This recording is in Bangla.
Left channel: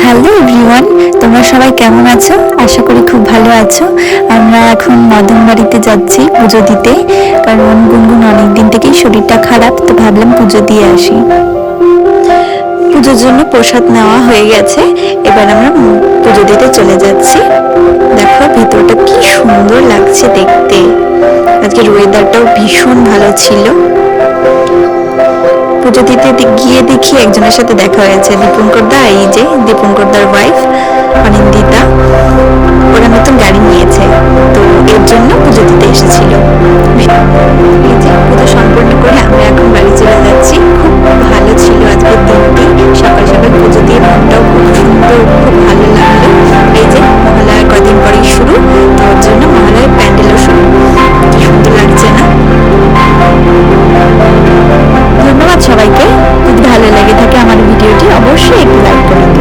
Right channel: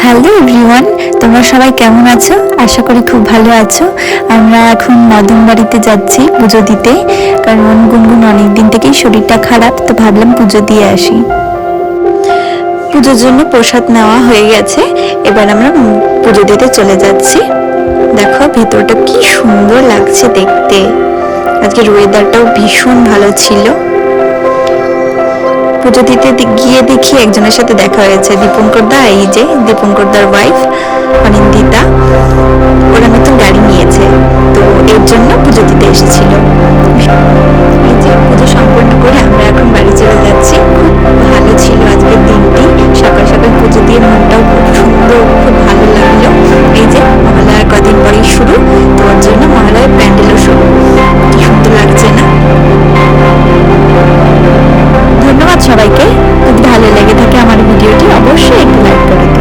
হ্যালো এভরিওয়ান, তোমরা সবাই কেমন আছো? আশা করি খুব ভালো আছো। আমরা এখন মদন বাড়িতে যাচ্ছি পুজো দিতে, কারণ গুনগুন অনেক দিন থেকেই শরীরটা খারাপ, তো ভাবলাম পুজো দিয়ে আসি। পুজোর জন্য প্রসাদ নেওয়া হয়ে গেছে, এবার আমরা পুজো দিতে চলে যাচ্ছি। দেখো ভেতরটা কি সুন্দর লাগছে দেখতে। আজকের ওয়েদারটাও ভীষণ ভালো ছিল। পুজো দিতে গিয়ে দেখি একজনের সাথে দেখা হয়েছে, দীপঙ্কর দা। এই যে দীপঙ্কর দার ওয়াইফ অনিন্দিতা, ওরা নতুন গাড়ি নিয়েছে, তো এর জন্য পুজো দিতে এসেছিল। এই যে পুজো সম্পন্ন করে আমরা এখন বাড়ি চলে যাচ্ছি। খুব ভালো ছিল আজকের দিনটি, সকাল সকাল পুজো দিয়ে মনটাও খুব সুন্দর, খুব ভালো লাগলো। এই যে মহালয়ার কদিন পরেই শুরু, তো ওর জন্য মহালয়ার প্যান্ডেলও শুরু। কি সুন্দর লাগছে না? ধন্যবাদ সবাইকে। যদি ভালো লেগে থাকে আমার ভিডিওটি, অবশ্যই একটু লাইক করে দিন।